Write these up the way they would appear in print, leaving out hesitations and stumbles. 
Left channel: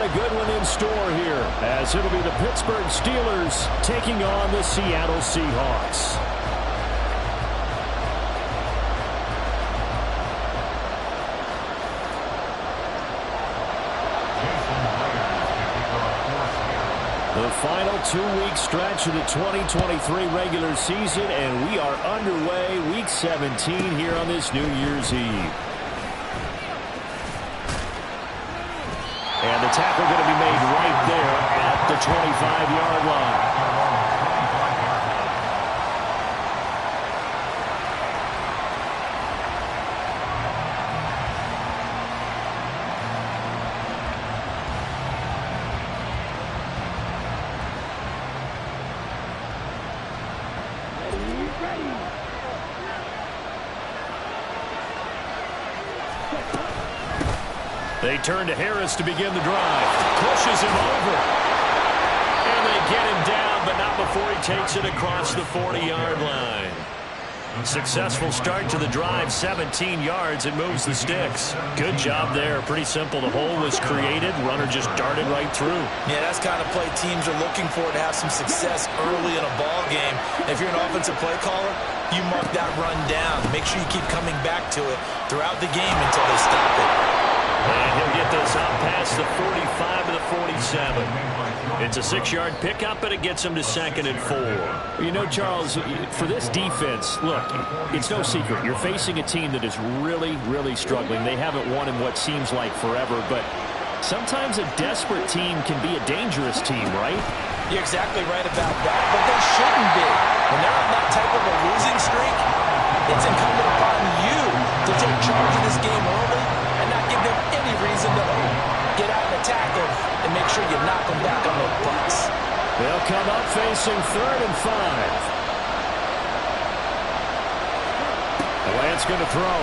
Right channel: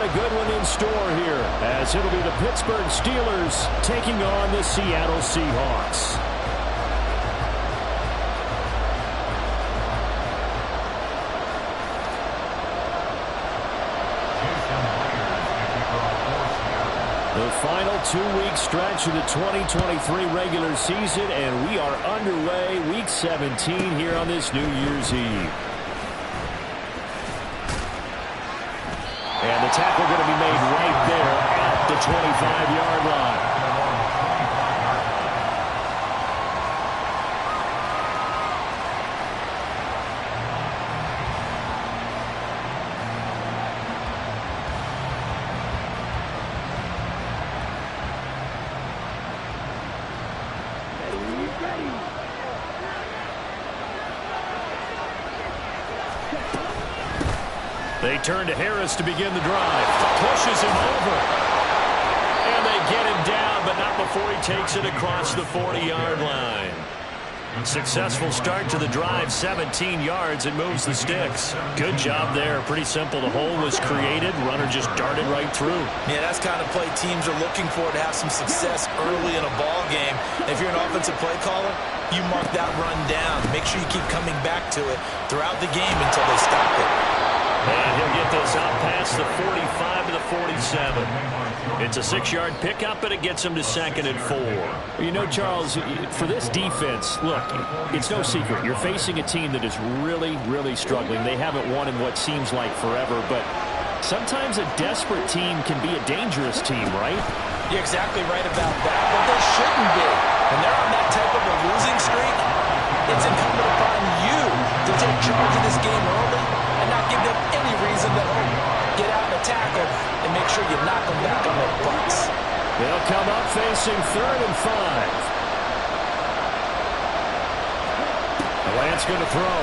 got a good one in store here, as it'll be the Pittsburgh Steelers taking on the Seattle Seahawks. The final 2-week stretch of the 2023 regular season, and we are underway Week 17 here on this New Year's Eve. And the tackle going to be made right there at the 25-yard line. They turn to Harris to begin the drive. Pushes him over. And they get him down, but not before he takes it across the 40-yard line. Successful start to the drive, 17 yards, and moves the sticks. Good job there. Pretty simple. The hole was created. Runner just darted right through. Yeah, that's the kind of play teams are looking for to have some success early in a ball game. If you're an offensive play caller, you mark that run down. Make sure you keep coming back to it throughout the game until they stop it. And he'll get this out past the 45 to the 47. It's a 6-yard pickup, but it gets him to 2nd and 4. You know, Charles, for this defense, look, it's no secret. You're facing a team that is really, really struggling. They haven't won in what seems like forever, but sometimes a desperate team can be a dangerous team, right? You're exactly right about that, but they shouldn't be. When they're on that type of a losing streak, it's incumbent upon you to take charge of this game early and not give them any reason to hope. Get out and tackle and make sure you knock them back on their butts. They'll come up facing 3rd and 5. The Lance going to throw.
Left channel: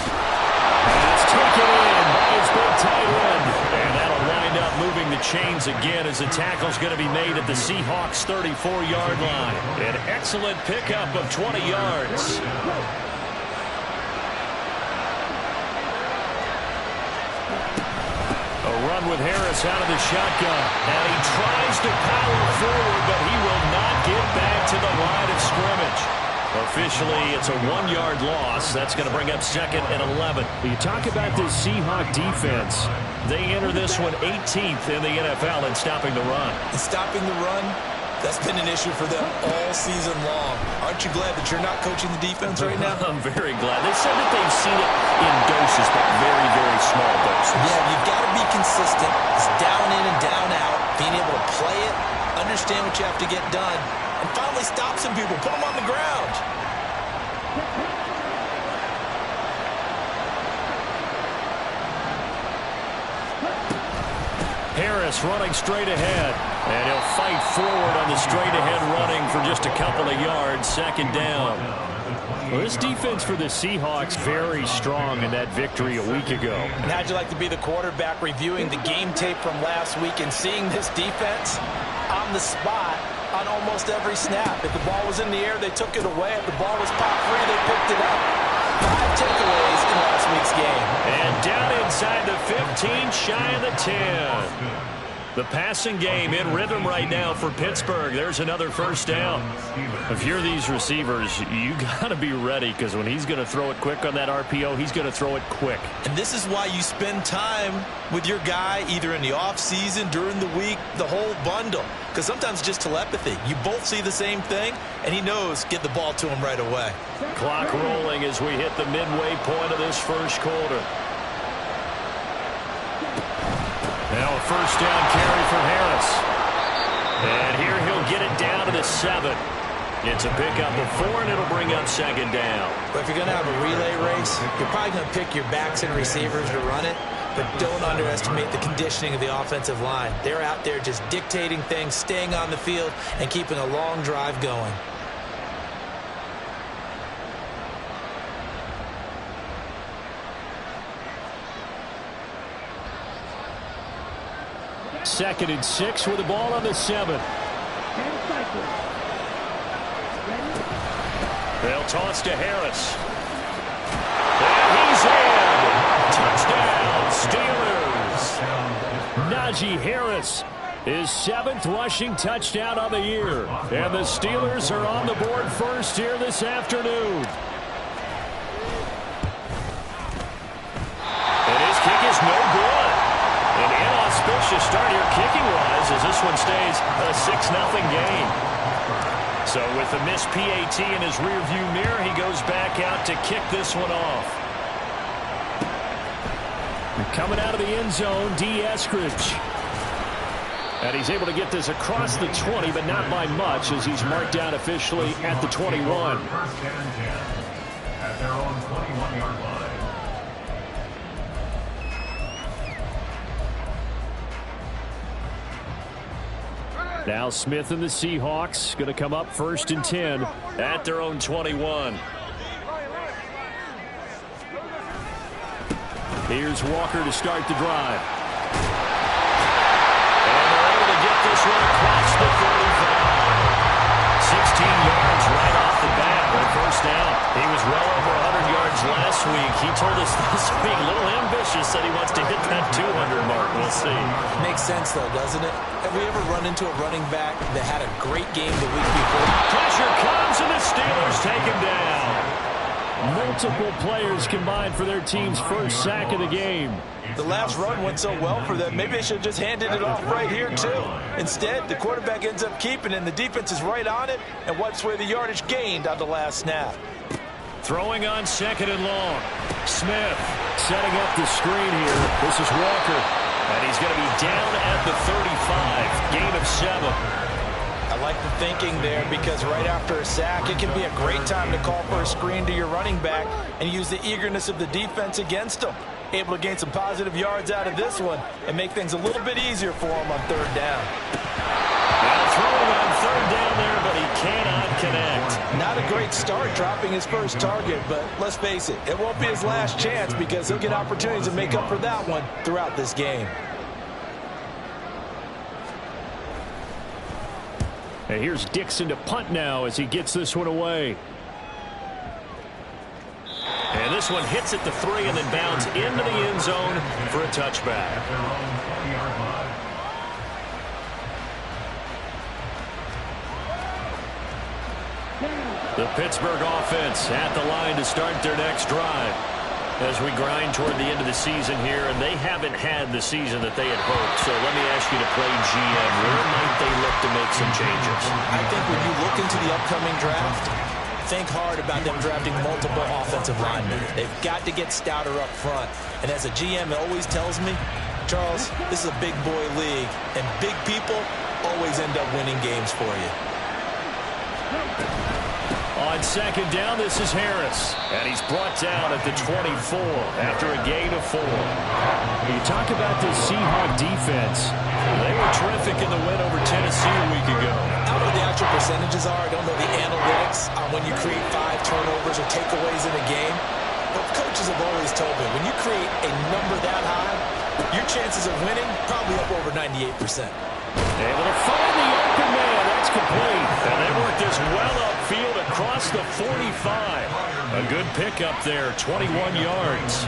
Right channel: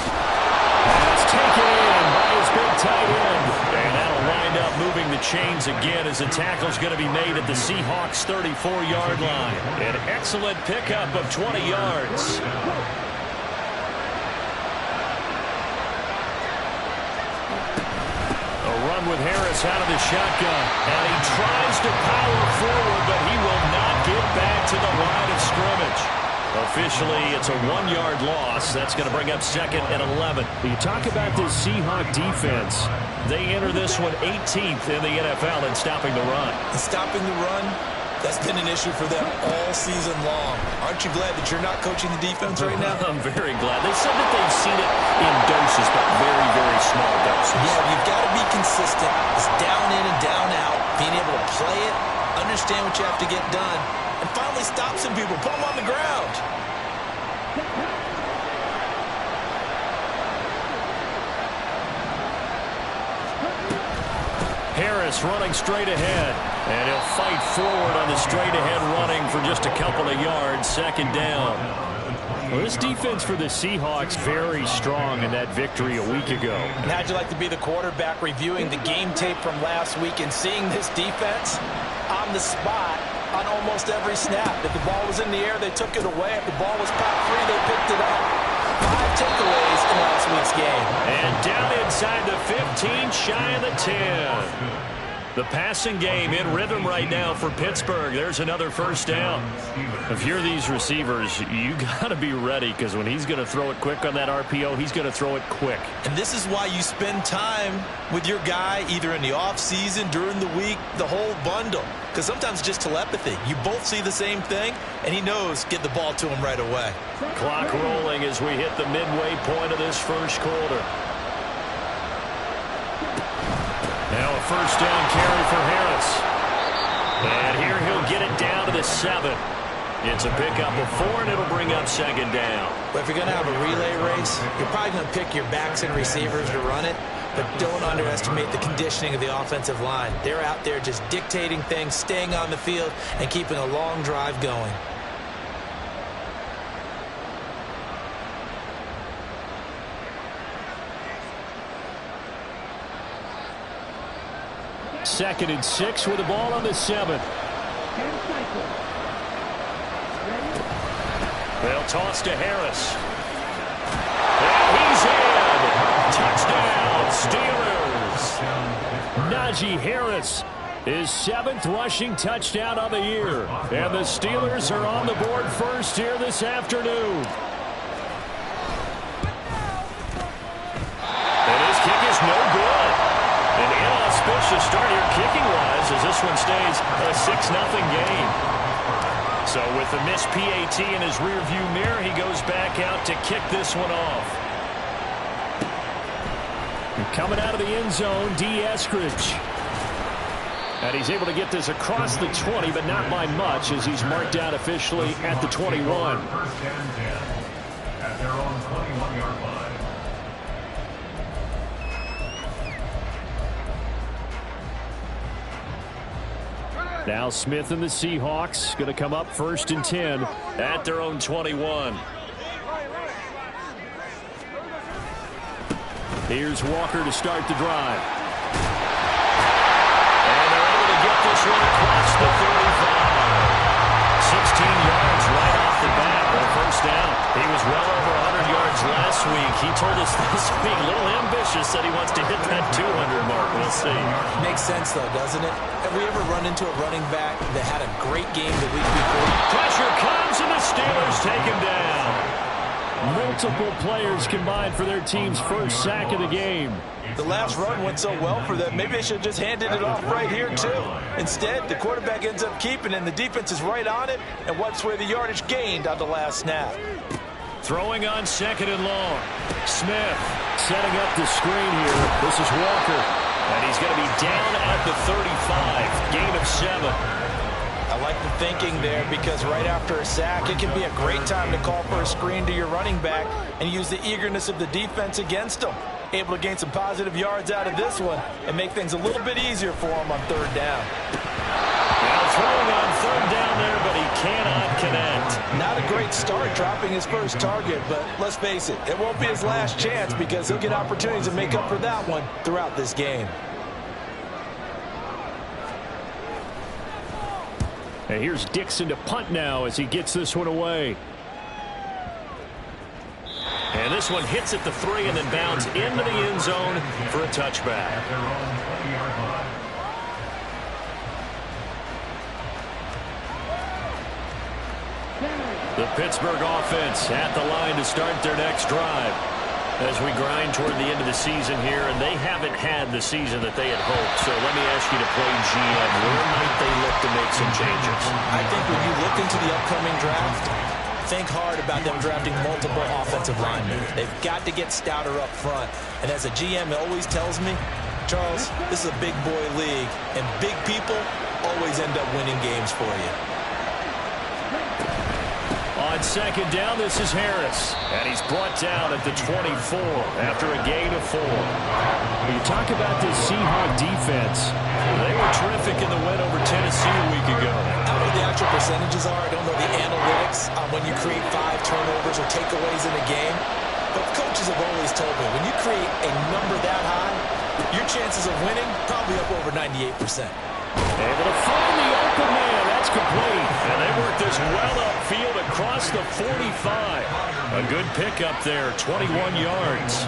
Pass taken in by his big tight end. And that'll wind up moving the chains again as the tackle's going to be made at the Seahawks' 34-yard line. An excellent pickup of 20 yards. A run with Harris out of the shotgun. And he tries to power forward, but he will not get back to the line of scrimmage. Officially, it's a 1-yard loss. That's going to bring up 2nd and 11. You talk about this Seahawk defense. They enter this one 18th in the NFL in stopping the run. And stopping the run, that's been an issue for them all season long. Aren't you glad that you're not coaching the defense right now? I'm very glad. They said that they've seen it in doses, but very, very small doses. Yeah, you've got to be consistent. It's down in and down out. Being able to play it, understand what you have to get done, and finally stop some people. Put them on the ground. Harris running straight ahead. And he'll fight forward on the straight-ahead running for just a couple of yards. 2nd down. Well, this defense for the Seahawks very strong in that victory a week ago. And how'd you like to be the quarterback reviewing the game tape from last week and seeing this defense on the spot on almost every snap? If the ball was in the air, they took it away. If the ball was popped free, they picked it up. 5 takeaways in last week's game. And down inside the 15, shy of the 10. The passing game in rhythm right now for Pittsburgh. There's another 1st down. If you're these receivers, you got to be ready, because when he's going to throw it quick on that RPO, he's going to throw it quick. And this is why you spend time with your guy either in the offseason, during the week, the whole bundle. Because sometimes it's just telepathy. You both see the same thing, and he knows get the ball to him right away. Clock rolling as we hit the midway point of this 1st quarter. Now a 1st down carry for Harris. And here he'll get it down to the 7. It's a pickup of 4, and it'll bring up 2nd down. But if you're going to have a relay race, you're probably going to pick your backs and receivers to run it. But don't underestimate the conditioning of the offensive line. They're out there just dictating things, staying on the field, and keeping a long drive going. Second and 6 with the ball on the 7. They'll toss to Harris. And he's in. Touchdown, Steelers. Najee Harris, his 7th rushing touchdown of the year. And the Steelers are on the board first here this afternoon. And his kick is no good. An inauspicious start here kicking-wise as this one stays a 6-0 game. So with the missed PAT in his rearview mirror, he goes back out to kick this one off. And coming out of the end zone, D. Eskridge. And he's able to get this across the 20, but not by much as he's marked out officially at the 21. First and 10 at their own 21-yard line. Now Smith and the Seahawks going to come up 1st and 10 at their own 21. Here's Walker to start the drive. And they're able to get this one across the 35. 16 yards right off the bat for a first down. He was well over 100 yards last week. He told us this week, a little ambitious, that he wants to hit that 200 mark. We'll see. Makes sense, though, doesn't it? Have we ever run into a running back that had a great game the week before? Pressure comes, and the Steelers take him down. Multiple players combined for their team's first sack of the game. The last run went so well for them, maybe they should have just handed it off right here, too. Instead, the quarterback ends up keeping it, and the defense is right on it and wipes away the yardage gained on the last snap. Throwing on 2nd and long. Smith setting up the screen here. This is Walker. And he's going to be down at the 35. Gain of 7. I like the thinking there because right after a sack, it can be a great time to call for a screen to your running back and use the eagerness of the defense against them. Able to gain some positive yards out of this one and make things a little bit easier for him on 3rd down. Now throwing on 3rd down there, but he cannot connect. Not a great start dropping his first target, but let's face it, it won't be his last chance because he'll get opportunities to make up for that one throughout this game. And here's Dixon to punt now as he gets this one away. And this one hits at the 3 and then bounds into the end zone for a touchback. At their own 20-yard line. The Pittsburgh offense at the line to start their next drive. As we grind toward the end of the season here, and they haven't had the season that they had hoped. So let me ask you to play GM. Where might they look to make some changes? I think when you look into the upcoming draft, think hard about them drafting multiple offensive linemen. They've got to get stouter up front. And as a GM, it always tells me, Charles, this is a big boy league, and big people always end up winning games for you. On 2nd down, this is Harris. And he's brought down at the 24 after a gain of 4. You talk about this Seahawk defense. They were terrific in the win over Tennessee a week ago. I don't know what the actual percentages are. I don't know the analytics on when you create 5 turnovers or takeaways in a game. But coaches have always told me, when you create a number that high, your chances of winning probably up over 98%. Able to find the open man. That's complete. And they worked this well upfield across the 45. A good pickup there, 21 yards.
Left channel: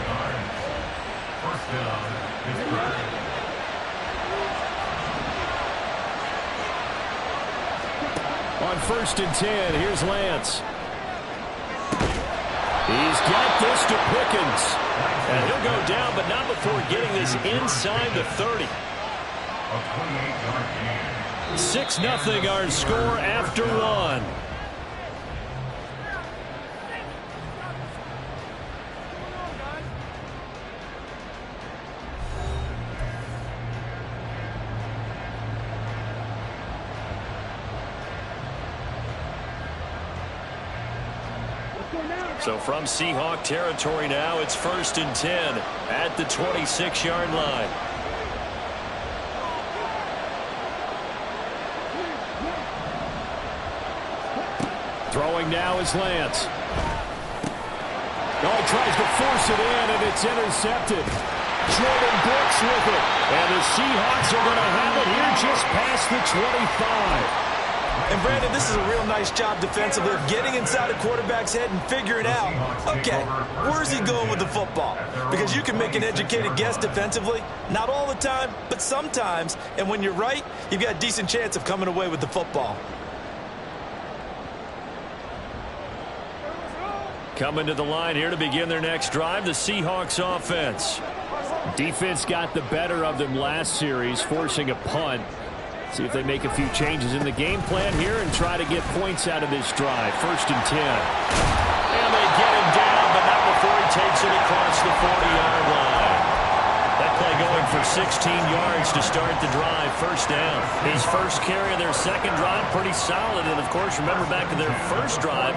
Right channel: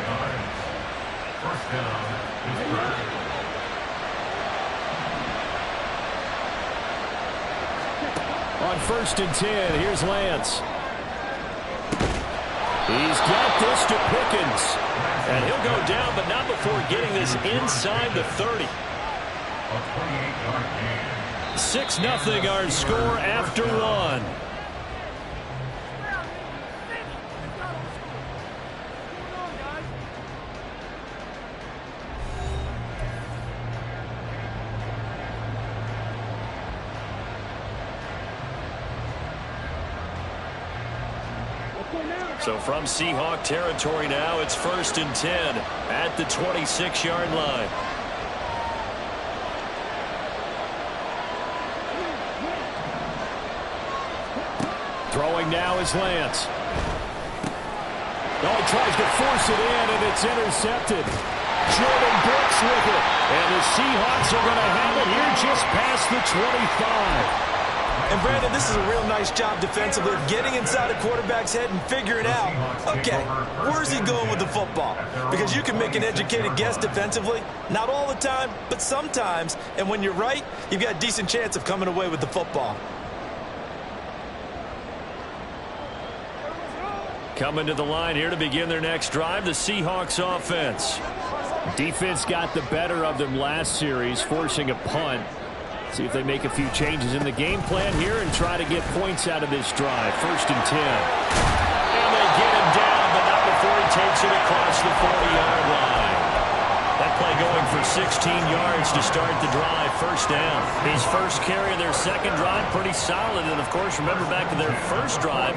First down, Pittsburgh. On 1st and 10, here's Lance. He's got this to Pickens. And he'll go down, but not before getting this inside the 30. A 28-yard gain. 6-0 our score after 1. So from Seahawk territory now, it's 1st and 10 at the 26-yard line. Throwing now is Lance. Oh, he tries to force it in, and it's intercepted. Jordan Brooks with it. And the Seahawks are going to have it here just past the 25. And Brandon, this is a real nice job defensively of getting inside a quarterback's head and figuring out, okay, where's he going with the football? Because you can make an educated guess defensively, not all the time, but sometimes. And when you're right, you've got a decent chance of coming away with the football. Coming to the line here to begin their next drive, the Seahawks offense. Defense got the better of them last series, forcing a punt. See if they make a few changes in the game plan here and try to get points out of this drive. 1st and 10. And they get him down, but not before he takes it across the 40-yard line. That play going for 16 yards to start the drive. 1st down. His first carry of their second drive, pretty solid. And, of course, remember back to their first drive,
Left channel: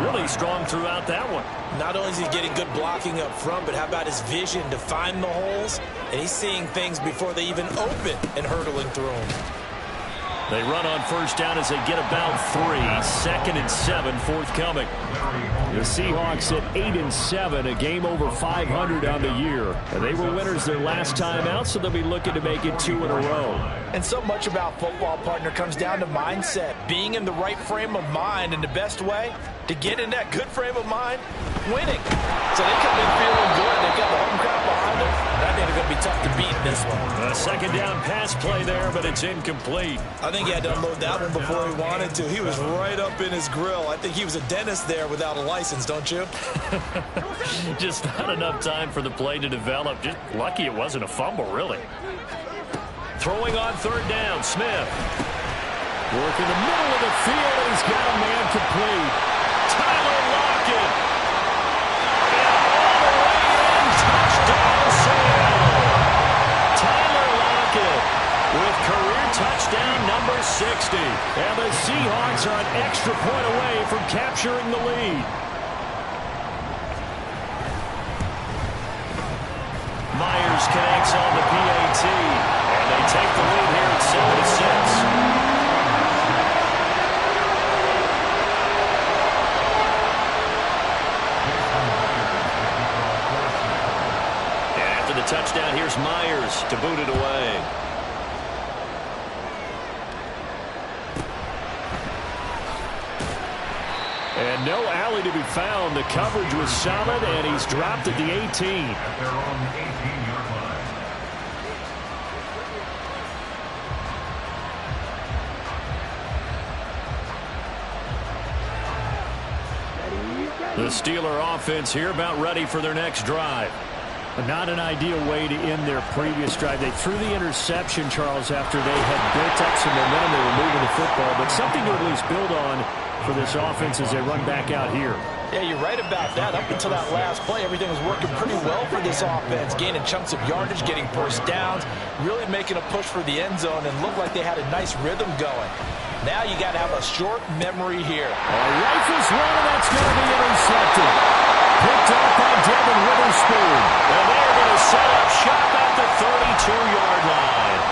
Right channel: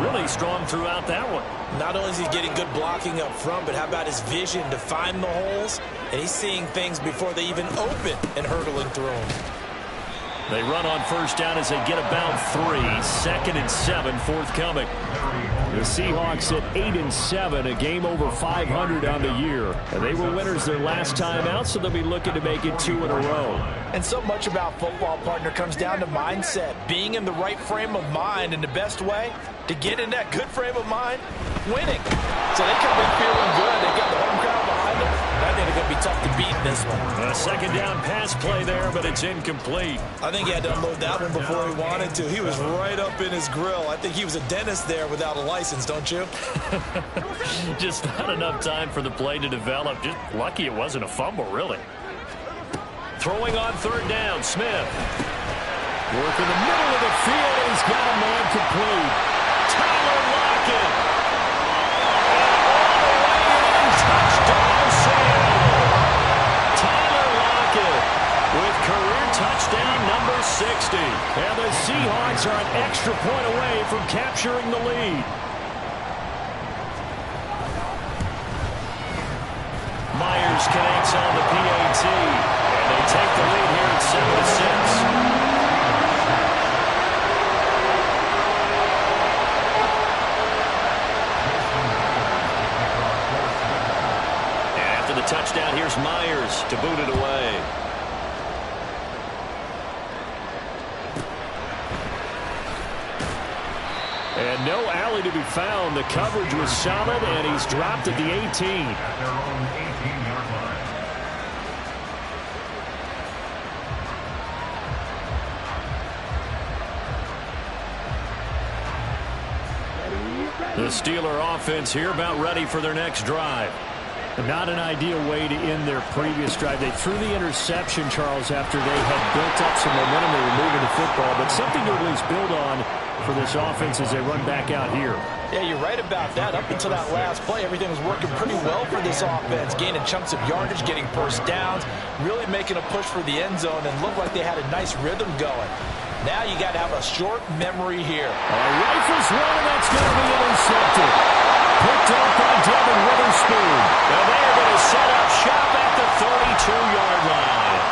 really strong throughout that one. Not only is he getting good blocking up front, but how about his vision to find the holes? And he's seeing things before they even open and hurtling through them. They run on 1st down as they get about 3. 2nd and 7 forthcoming. The Seahawks at 8-7, a game over 500 on the year. And they were winners their last time out, so they'll be looking to make it 2 in a row. And so much about football, partner, comes down to mindset. Being in the right frame of mind, and the best way to get in that good frame of mind, winning. So they come in feeling good. They've got the home crowd behind them. I think they're going to be tough to beat in this one. A 2nd down pass play there, but it's incomplete. I think he had to unload that one before he wanted to. He was right up in his grill. I think he was a dentist there without a license, don't you? Just not enough time for the play to develop. Just lucky it wasn't a fumble, really. Throwing on 3rd down, Smith. Work in the middle of the field, and he's got a man complete. Tyler Lockett. And all the way in, touchdown Seattle. Tyler Lockett with career touchdown number 60. And the Seahawks are an extra point away from capturing the lead. Myers connects on the PAT, and they take the lead here at 7-6. And after the touchdown, here's Myers to boot it away. And no alley to be found. The coverage was solid, and he's dropped at the 18. At their own 18-yard line. The Steeler offense here about ready for their next drive. Not an ideal way to end their previous drive. They threw the interception, Charles, after they had built up some momentum. They were moving the football, but something to at least build on for this offense as they run back out here. Yeah, you're right about that. Up until that last play, everything was working pretty well for this offense, gaining chunks of yardage, getting first downs, really making a push for the end zone, and looked like they had a nice rhythm going. Now you got to have a short memory here. Rifles one, and that's going to be intercepted. Picked up by Devin Witherspoon. And they're going to set up shop at the 32-yard line.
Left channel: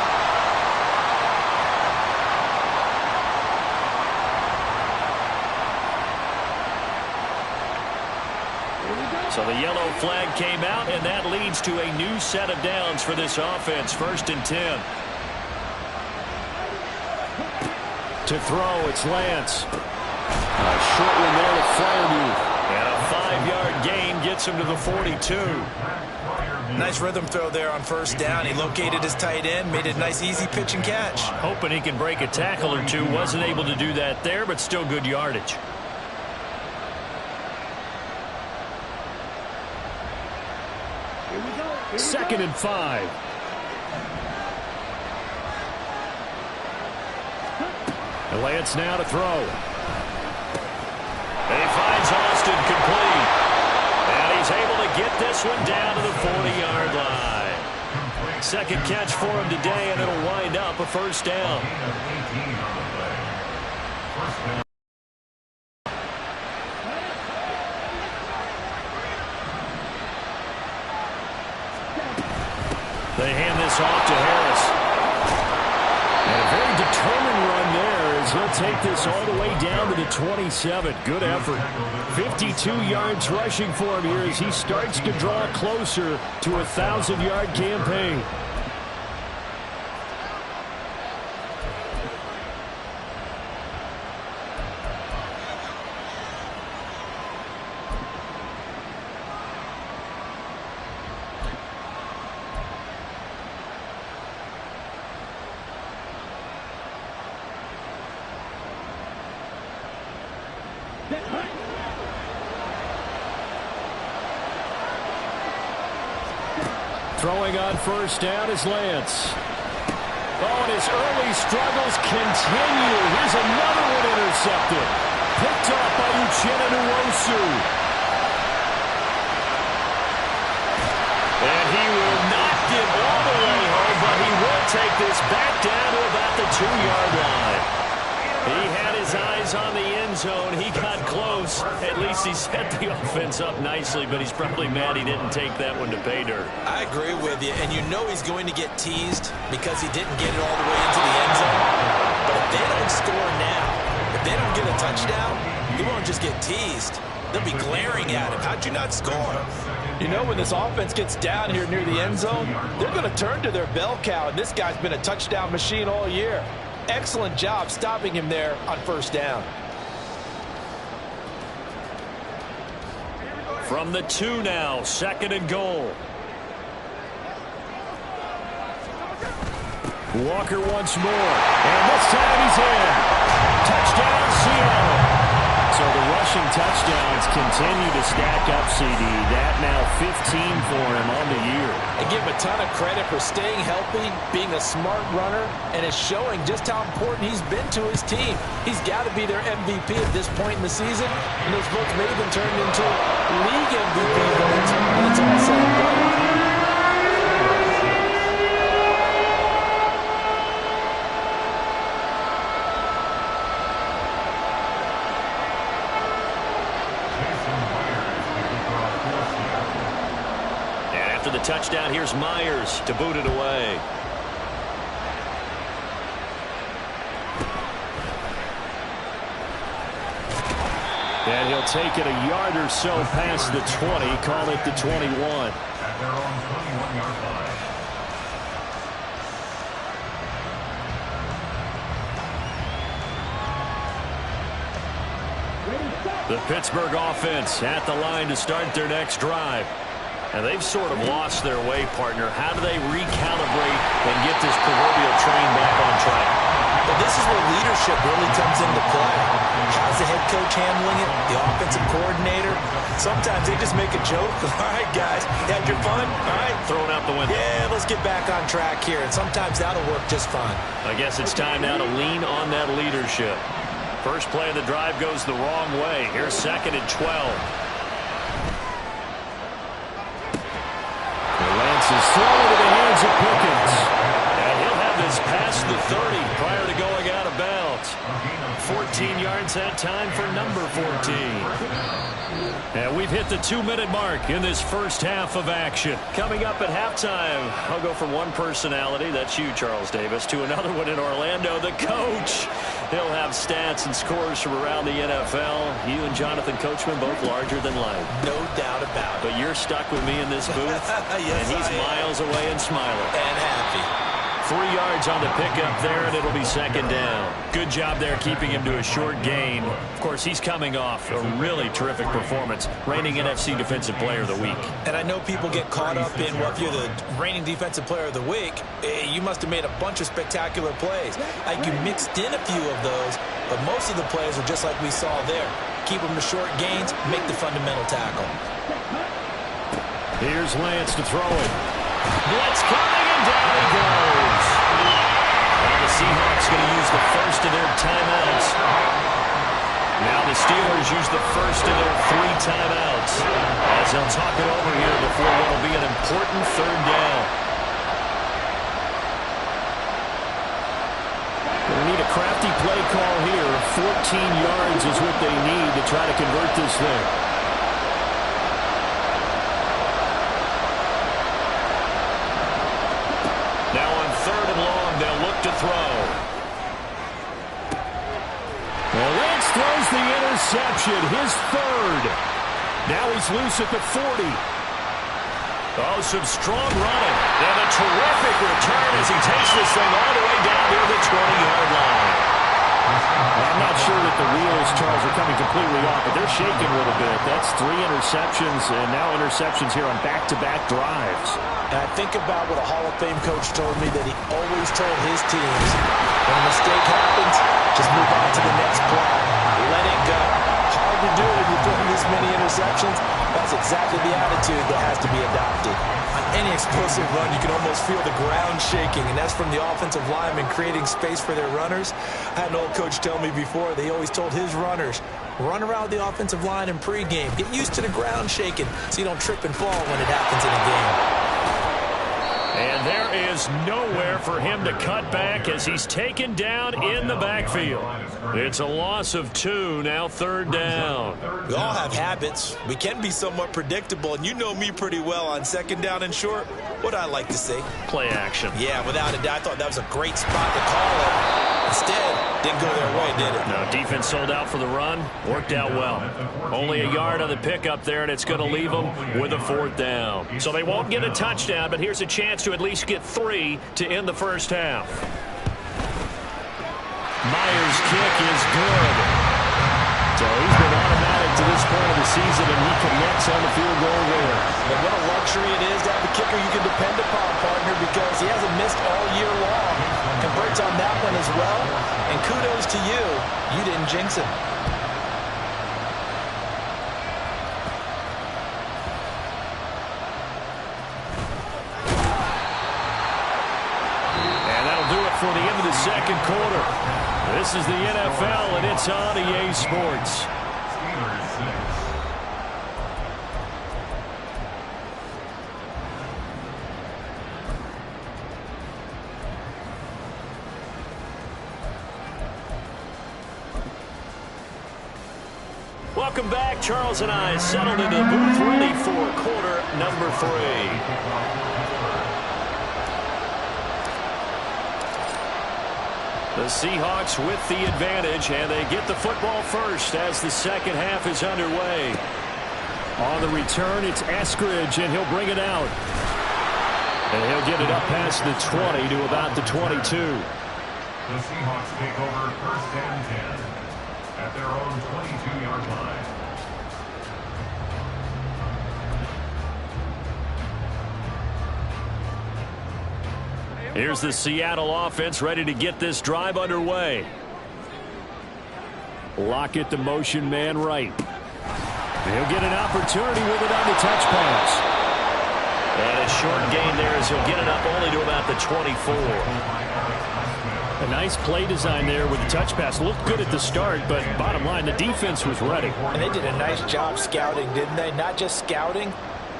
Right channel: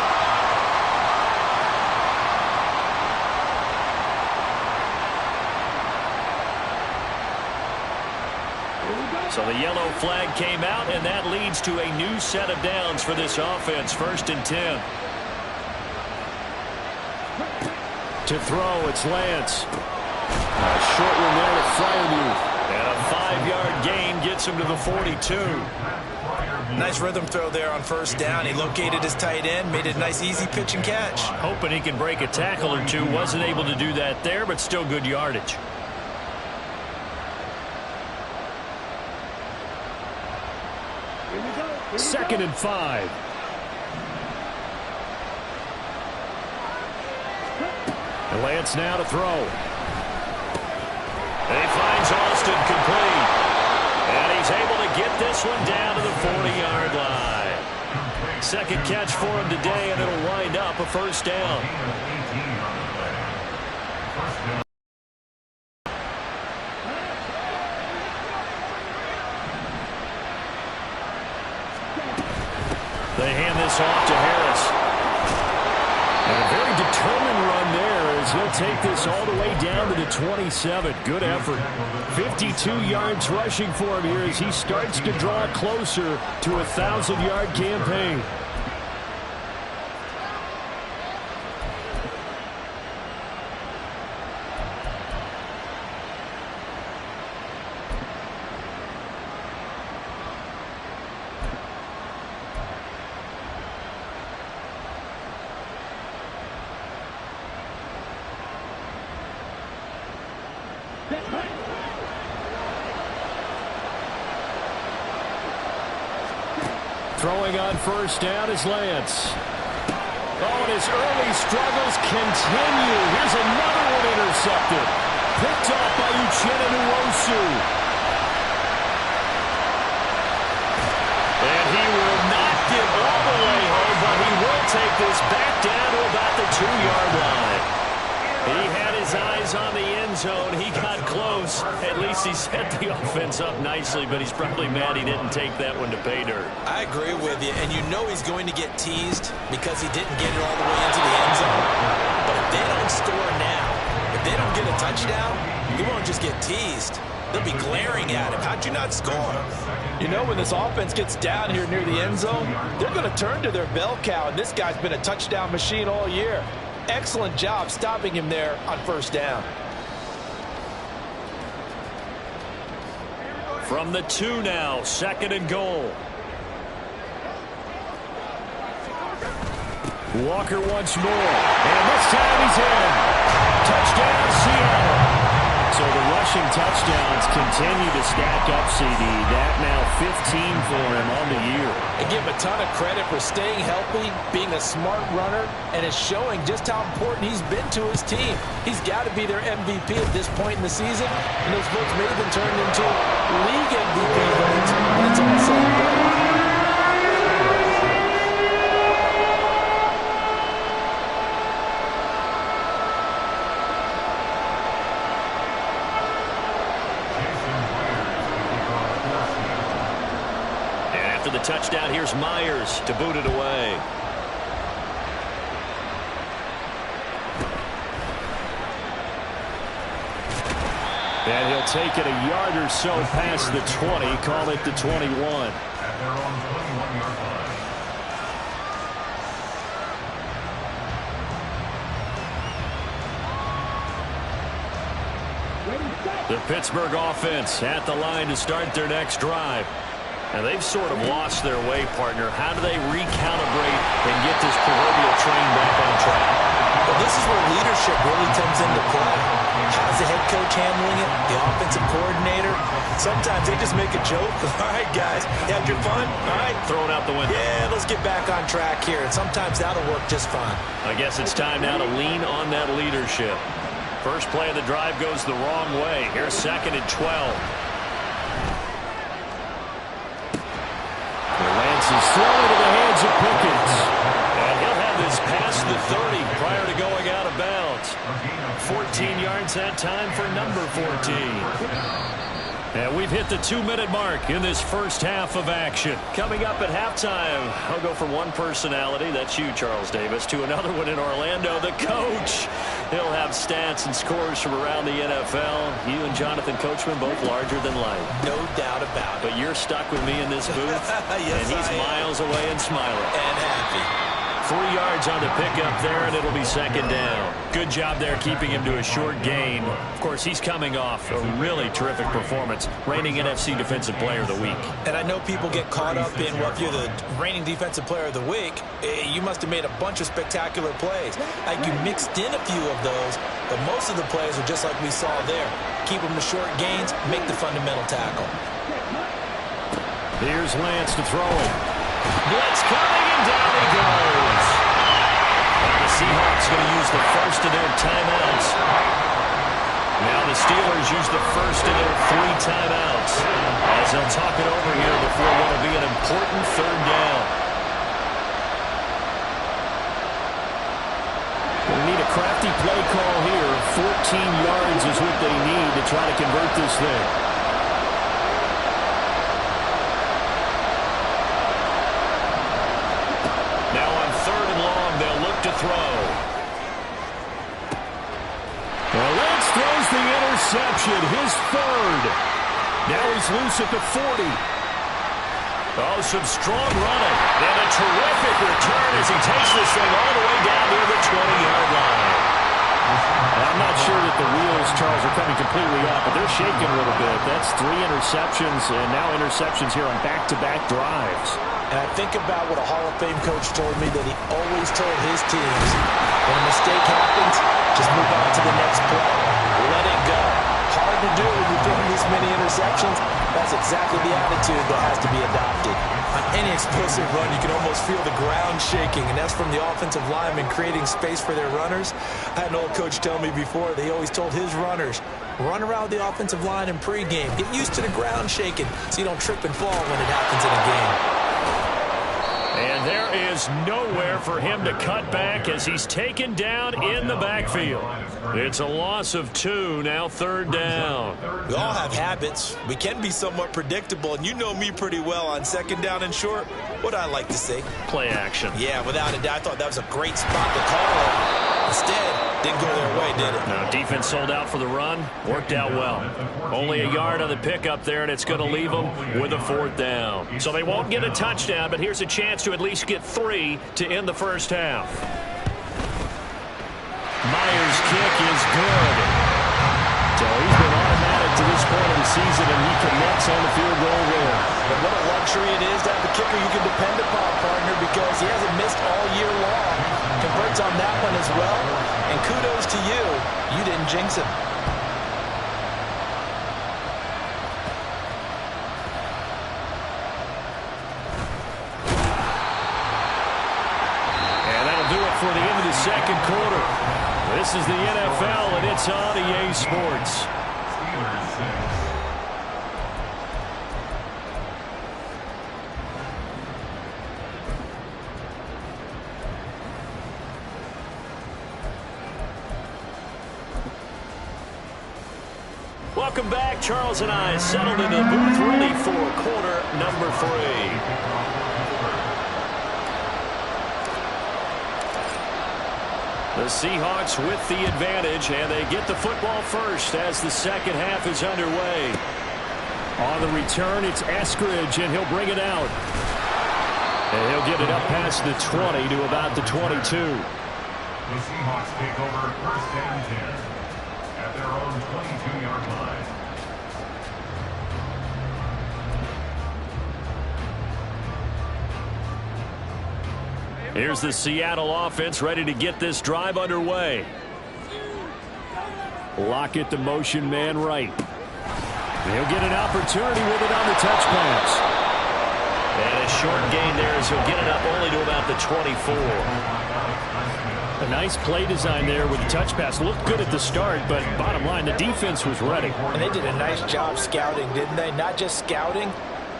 So the yellow flag came out, and that leads to a new set of downs for this offense. 1st and 10. To throw, it's Lance. A short one there to Freiermuth. And a 5-yard gain gets him to the 42. Nice rhythm throw there on 1st down. He located his tight end, made a nice easy pitch and catch. Hoping he can break a tackle or two. Wasn't able to do that there, but still good yardage. Here we go. 2nd and 5. And Lance now to throw. And he finds Austin complete. And he's able to get this one down to the 40-yard line. Second catch for him today, and it'll wind up a 1st down. They hand this off to Harris. And a very determined run there as he'll take this all the way down to the 27. Good effort. 52 yards rushing for him here as he starts to draw closer to a 1,000-yard campaign. Throwing on first down is Lance. Oh, and his early struggles continue. Here's another one intercepted. Picked off by Uchenna Nwosu. And he will not get all the way home, but he will take this back down to about the 2-yard line. He had his eyes on the end zone. He got close. At least he set the offense up nicely, but he's probably mad he didn't take that one to pay dirt. I agree with you, and you know he's going to get teased because he didn't get it all the way into the end zone. But if they don't score now, if they don't get a touchdown, he won't just get teased. They'll be glaring at him. How'd you not score? You know, when this offense gets down here near the end zone, they're going to turn to their bell cow, and this guy's been a touchdown machine all year. Excellent job stopping him there on first down. From the 2 now, 2nd and goal. Walker once more, and this time he's in. Touchdown, Seattle. So the rushing touchdowns continue to stack up, CD. That now 15 for him on the year. I give him a ton of credit for staying healthy, being a smart runner, and it's showing just how important he's been to his team. He's got to be their MVP at this point in the season, and those votes may have been turned into league MVP votes when it's all said and done. The touchdown, here's Myers to boot it away. And he'll take it a yard or so past the 20, call it the 21. At their own 21-yard line. The Pittsburgh offense at the line to start their next drive. And they've sort of lost their way, partner. How do they recalibrate and get this proverbial train back on track? Well, this is where leadership really comes into play. How's the head coach handling it? The offensive coordinator? Sometimes they just make a joke. All right, guys, you had your fun? All right. Throw it out the window. Yeah, let's get back on track here. And sometimes that'll work just fine. I guess it's time now to lean on that leadership. First play of the drive goes the wrong way. Here's 2nd and 12. Lance is thrown into the hands of Pickens. And he'll have this past the 30 prior to going out of bounds. 14 yards that time for number 14. And we've hit the 2-minute mark in this first half of action. Coming up at halftime, I'll go from one personality, that's you, Charles Davis, to another one in Orlando, the coach. He'll have stats and scores from around the NFL. You and Jonathan Coachman both larger than life. No doubt about it. But you're stuck with me in this booth, yes, and he's miles away and smiling. And happy. 3 yards on the pickup there, and it'll be 2nd down. Good job there keeping him to a short gain. Of course, he's coming off a really terrific performance, reigning NFC Defensive Player of the Week. And I know people get caught up in, well, if you're the reigning Defensive Player of the Week, you must have made a bunch of spectacular plays. Like you mixed in a few of those, but most of the plays are just like we saw there. Keep them to short gains, make the fundamental tackle. Here's Lance to throw it. Blitz coming, and down he goes. Now the Seahawks going to use the first of their timeouts. Now the Steelers use the first of their 3 timeouts as they'll talk it over here before what will be an important 3rd down. Going to need a crafty play call here. 14 yards is what they need to try to convert this thing. Now on 3rd and long, they'll look to throw. Well, Lance throws the interception, his 3rd. Now he's loose at the 40. Oh, some strong running. And a terrific return as he takes this thing all the way down near the 20-yard line. I'm not sure that the wheels, Charles, are coming completely off, but they're shaking a little bit. That's 3 interceptions, and now interceptions here on back-to-back drives. And I think about what a Hall of Fame coach told me that he always told his teams, when a mistake happens, just move on to the next play. Let it go. Hard to do when you're throwing this many interceptions. That's exactly the attitude that has to be adopted. On any explosive run, you can almost feel the ground shaking, and that's from the offensive linemen creating space for their runners. I had an old coach tell me before, they always told his runners, run around the offensive line in pregame. Get used to the ground shaking so you don't trip and fall when it happens in a game. And there is nowhere for him to cut back as he's taken down in the backfield. It's a loss of 2, now 3rd down. We all have habits. We can be somewhat predictable, and you know me pretty well on 2nd down and short. What I like to say? Play action. Yeah, without a doubt, I thought that was a great spot to call it. Instead, didn't go their way, did it? No, defense sold out for the run. Worked out well. Only a yard on the pickup there, and it's going to leave them with a 4th down. So they won't get a touchdown, but here's a chance to at least get 3 to end the first half. Myers' kick is good. So he's been automatic to this point of the season, and he connects on the field goal there. But what a luxury it is to have a kicker you can depend upon, partner, because he hasn't missed all year long. Converts on that one as well, and kudos to you. You didn't jinx him. And that'll do it for the end of the 2nd quarter. This is the NFL, and it's on EA Sports. Steelers 6. Welcome back. Charles and I settled into the booth, ready for quarter number 3. The Seahawks with the advantage, and they get the football first as the 2nd half is underway. On the return, it's Eskridge, and he'll bring it out. And he'll get it up past the 20 to about the 22. The Seahawks take over 1st and 10 at their own 22-yard line. Here's the Seattle offense ready to get this drive underway. Lockett, the motion man right. He'll get an opportunity with it on the touch pass. And a short gain there as he'll get it up only to about the 24. A nice play design there with the touch pass. Looked good at the start, but bottom line, the defense was ready. And they did a nice job scouting, didn't they? Not just scouting,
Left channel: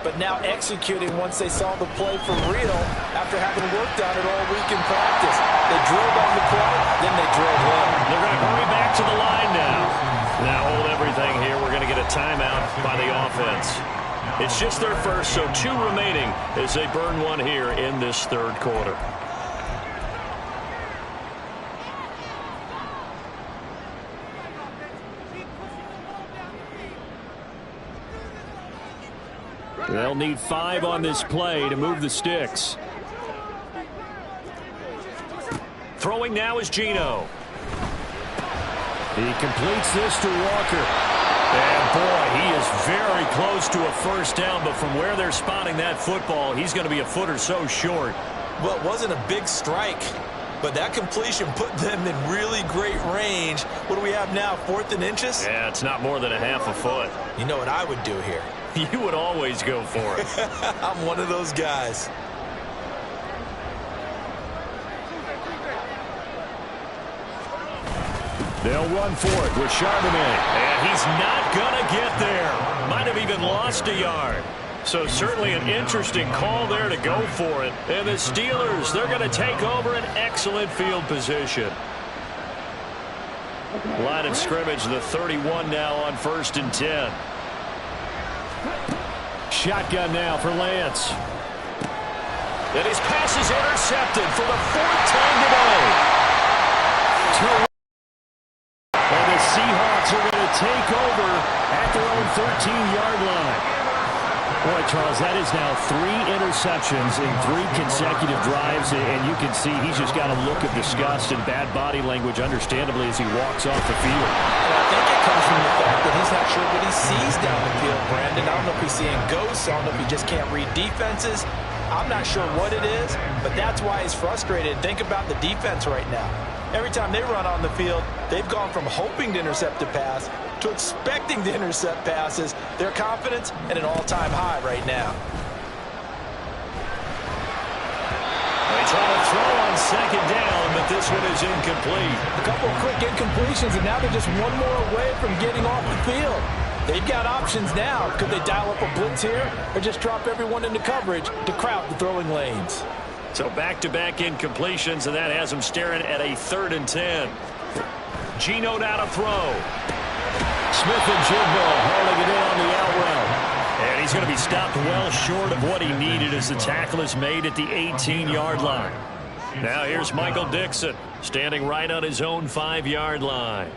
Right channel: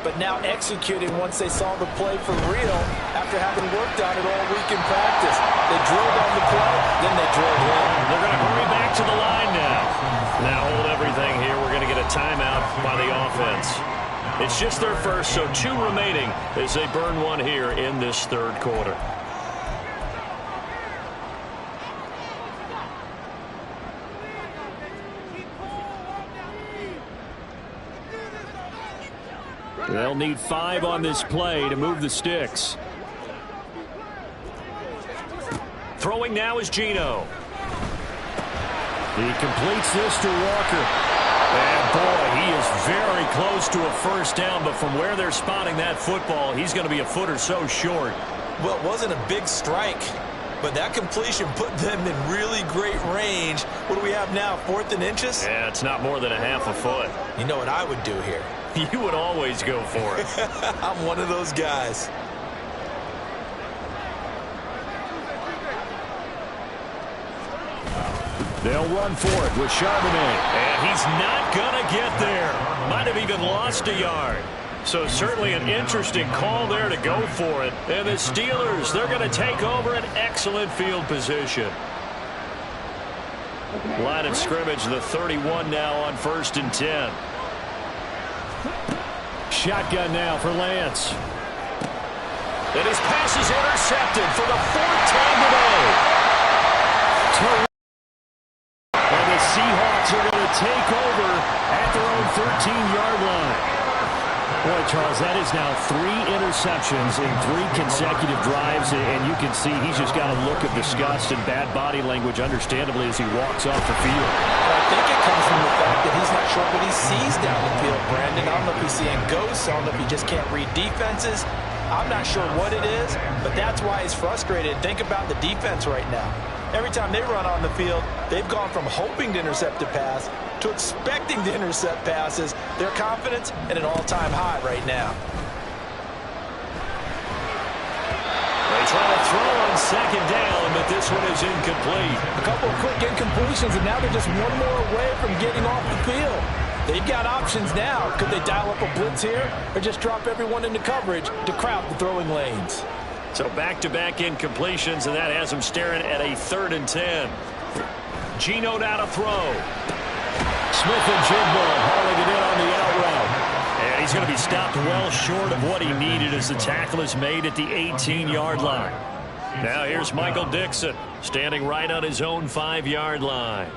but now executing once they saw the play for real after having worked on it all week in practice. They drilled on the play, then they drilled in. They're going to hurry back to the line now. Now hold everything here. We're going to get a timeout by the offense. It's just their first, so 2 remaining as they burn 1 here in this 3rd quarter. They'll need 5 on this play to move the sticks. Throwing now is Geno. He completes this to Walker. And boy, he is very close to a 1st down, but from where they're spotting that football, he's going to be a foot or so short. Well, it wasn't a big strike, but that completion put them in really great range. What do we have now, 4th and inches? Yeah, it's not more than a half a foot. You know what I would do here? You would always go for it. I'm one of those guys. They'll run for it with Charbonnet. And he's not going to get there. Might have even lost a yard. So certainly an interesting call there to go for it. And the Steelers, they're going to take over an excellent field position. Line of scrimmage, the 31 now on 1st and 10. Shotgun now for Lance. And his pass is intercepted for the 4th time today. And the Seahawks are going to take over at their own 13-yard line. Boy, Charles, that is now 3 interceptions in 3 consecutive drives, and you can see he's just got a look of disgust and bad body language, understandably, as he walks off the field. And I think it comes from the fact that he's not sure what he sees down the field, Brandon. I don't know if he's seeing ghosts. I don't know if he just can't read defenses. I'm not sure what it is, but that's why he's frustrated. Think about the defense right now. Every time they run on the field, they've gone from hoping to intercept a pass to expecting to intercept passes. Their confidence at an all-time high right now. They try to throw on second down, but this one is incomplete. A couple of quick incompletions, and now they're just one more away from getting off the field. They've got options now. Could they dial up a blitz here or just drop everyone into coverage to crowd the throwing lanes? So back-to-back incompletions, and that has them staring at a 3rd and 10. Geno now to throw. Smith-Njigba hauling it in on the out route. And he's going to be stopped well short of what he needed as the tackle is made at the 18-yard line. Now here's Michael Dixon standing right on his own 5-yard line.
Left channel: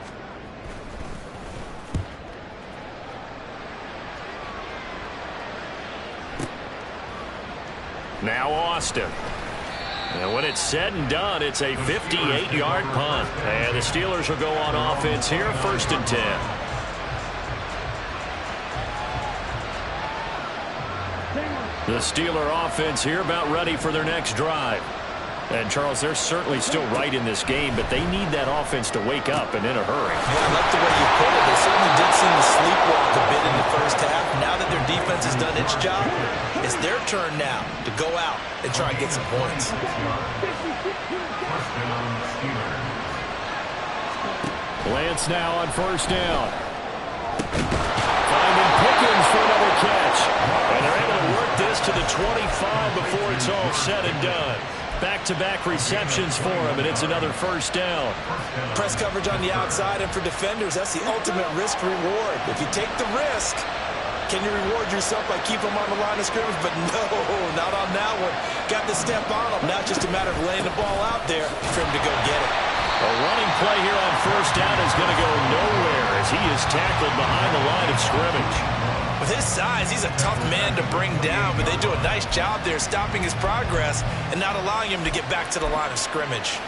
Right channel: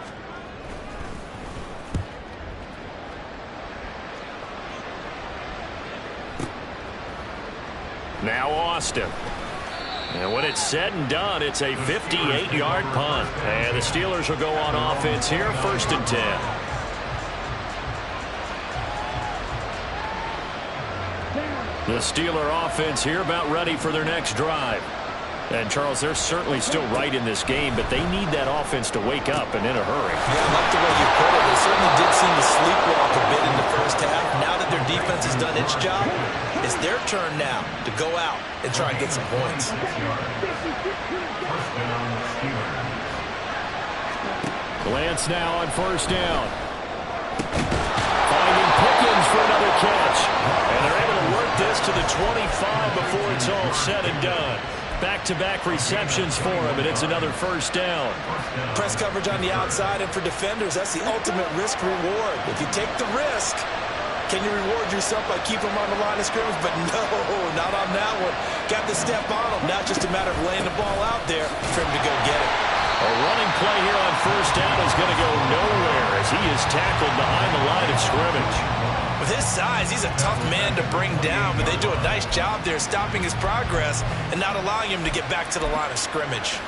Now Austin. And when it's said and done, it's a 58-yard punt. And the Steelers will go on offense here, 1st and 10. The Steeler offense here about ready for their next drive. And, Charles, they're certainly still right in this game, but they need that offense to wake up and in a hurry. Yeah, I like the way you put it. They certainly did seem to sleepwalk a bit in the first half. Now that their defense has done its job, it's their turn now to go out and try and get some points. Lance now on 1st down. Finding Pickens for another catch. And they're able to work this to the 25 before it's all said and done. Back-to-back receptions for him, and it's another 1st down. Press coverage on the outside, and for defenders, that's the ultimate risk-reward. If you take the risk, can you reward yourself by keeping them on the line of scrimmage? But no, not on that one. Got to step on them. Now it's just a matter of laying the ball out there for him to go get it. A running play here on 1st down is going to go nowhere as he is tackled behind the line of scrimmage. With his size, he's a tough man to bring down, but they do a nice job there stopping his progress and not allowing him to get back to the line of scrimmage.